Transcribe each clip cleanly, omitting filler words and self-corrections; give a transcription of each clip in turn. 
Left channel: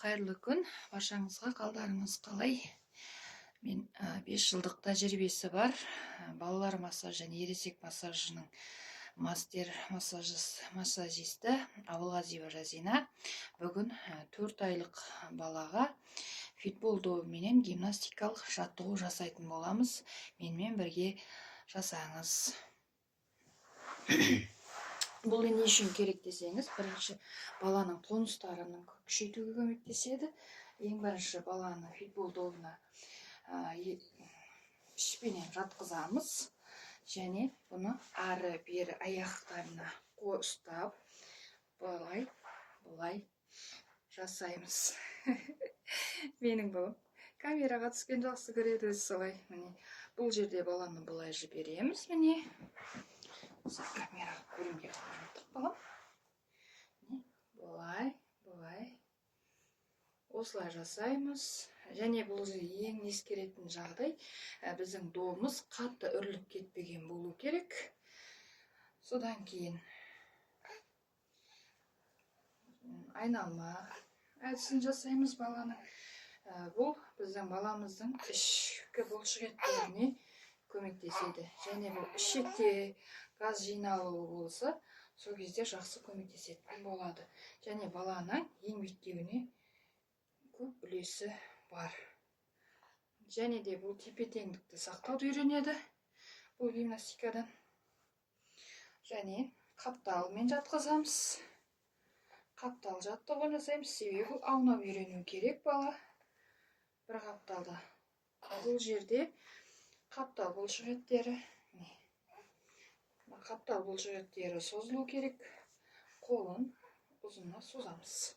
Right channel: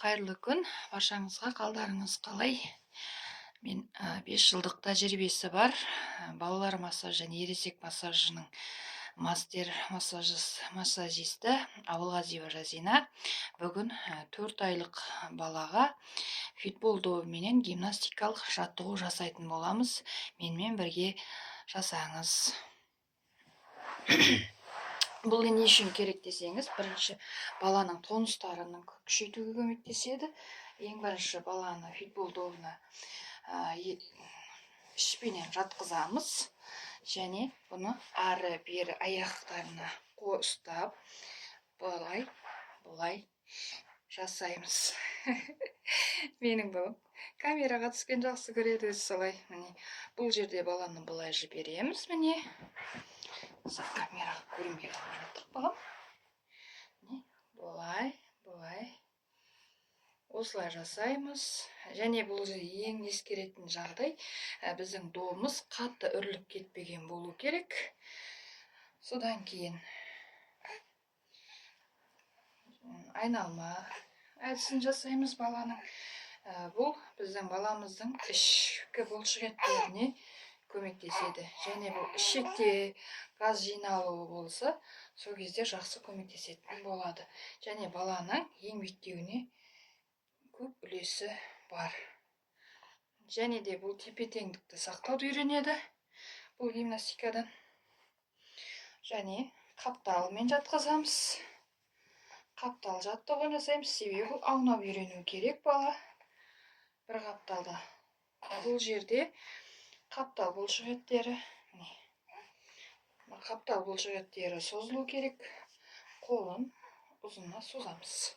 Қайырлы күн, баршаңызға қалдарыңыз қалай? Мен 5 жылдық тәжірибесі бар балалар массажы және ересек массажының массажисті Абылғазиева Жазина бүгін 4 айлық балаға фитбол добыменен гимнастикалық жаттығу жасайтын боламыз. Менімен бірге жасаңыз. Бұл не үшін керек десеңіз, бірінші баланың тонустарын күшейтуге көмектеседі. Ең бірінші баланы фитбол добына ішпенен жатқызамыз. Және бұны ары бері аяқтарына ұстап, бұлай жасаймыз. Менің балам камераға түскен жақсы көреді, өзі солай. Міне, бұл жерде баланы бұлай жібереміз, міне. Камераға көрінбей қалып жатыр балам. Бұлай. Осылай жасаймыз. Және бұл ең ескеретін жағдай, біздің добымыз қатты үріліп кетпеген болу керек. Содан кейін айналма әдісін жасаймыз баланың. Бұл біздің баламыздың ішкі бұлшық еттеріне көмектеседі. Және бұл ішекте газ жиналуы болса, сол кезде жақсы көмектесетін болады. Және баланың еңбектеуіне көп үлесі бар. Және де бұл тепе-теңдікті сақтауды үйренеді бұл гимнастикадан. Және қапталмен жатқызамыз. Қаптал жаттығуын жасаймыз. Себебі аунап үйрену керек бала бір қапталда. Бұл жерде қаптал бұлшық еттері, қаптал бұлшық еттері созылу керек. Қолын ұзына созамыз.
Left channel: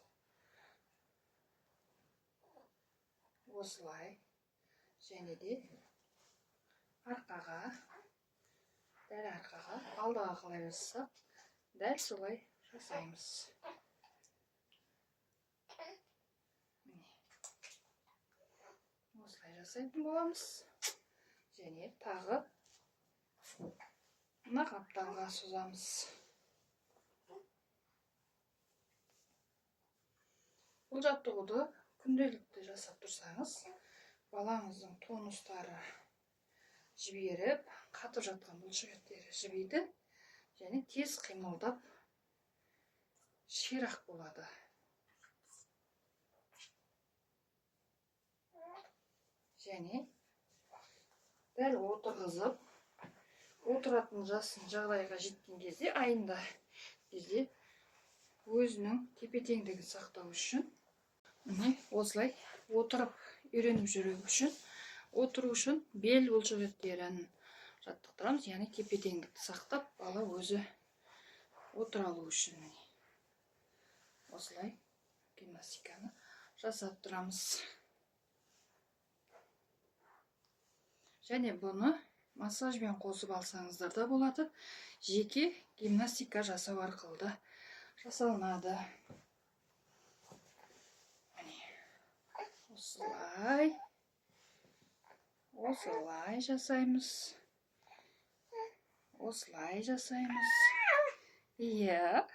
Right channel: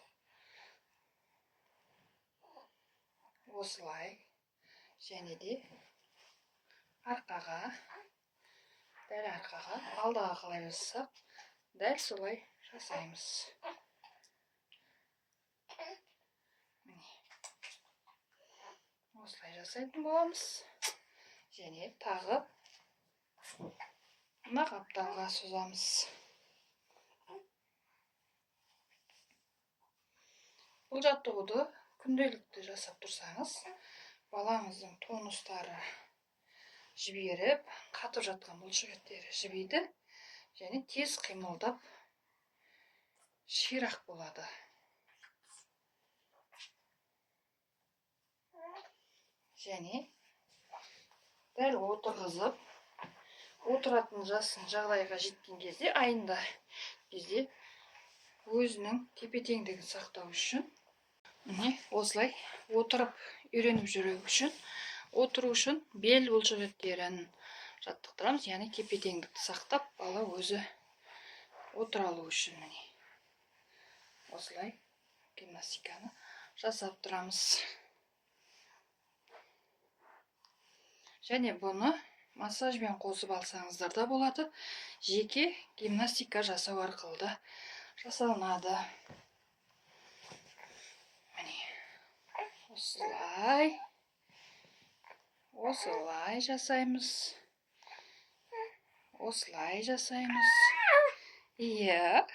Осылай. Және де арқаға, дәл арқаға, алдаға қалай жасасақ, дәл солай жасаймыз. Осылай жасайтын боламыз. Және тағы мына қапталға созамыз. Бұл жаттығуды күнделікті жасап тұрсаңыз, балаңыздың тонустары жіберіп, қатып жатқан бұлшық еттері жібейді, және тез қимылдап ширақ болады. Және дәл отырғызып, отыратын жасын жағдайға жеткен кезде, айында кезде өзінің тепе-теңдігін сақтау үшін, міне осылай отырып үйреніп жүру үшін, отыру үшін бел бұлшық еттерін жаттықтырамыз, яғни тепе-теңдікті сақтап, бала өзі отыра алу үшін, міне осылай гимнастиканы жасап тұрамыз. Және бұны массажбен қосып алсаңыздар да болады. Жеке гимнастика жасау арқылы да жасалынады. Міне осылай жасаймыз. Осылай жасаймыз. Иә,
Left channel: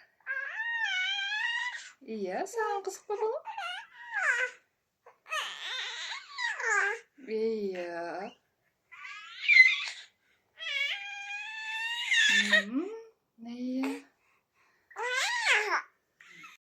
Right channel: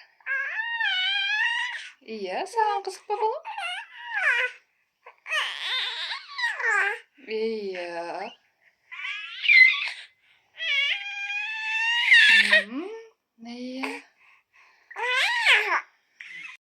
саған қызық па балам? Иә.